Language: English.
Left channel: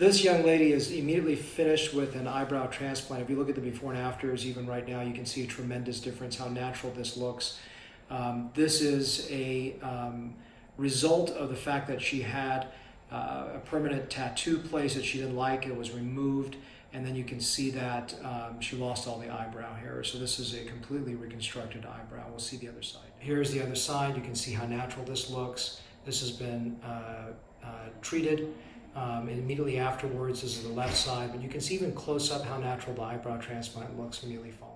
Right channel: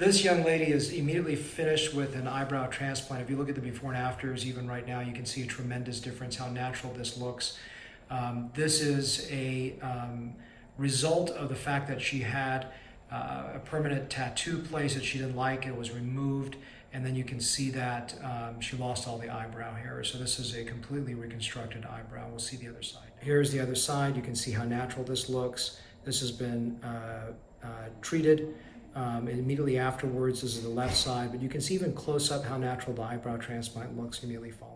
This young lady is immediately finished with an eyebrow transplant. If you look at the before and afters, even right now, you can see a tremendous difference, how natural this looks. This is a result of the fact that she had a permanent tattoo placed that she didn't like. It was removed, and then you can see that she lost all the eyebrow hair. So this is a completely reconstructed eyebrow. We'll see the other side. Here's the other side. You can see how natural this looks. This has been treated. Immediately afterwards, this is the left side, but you can see even close up how natural the eyebrow transplant looks immediately following.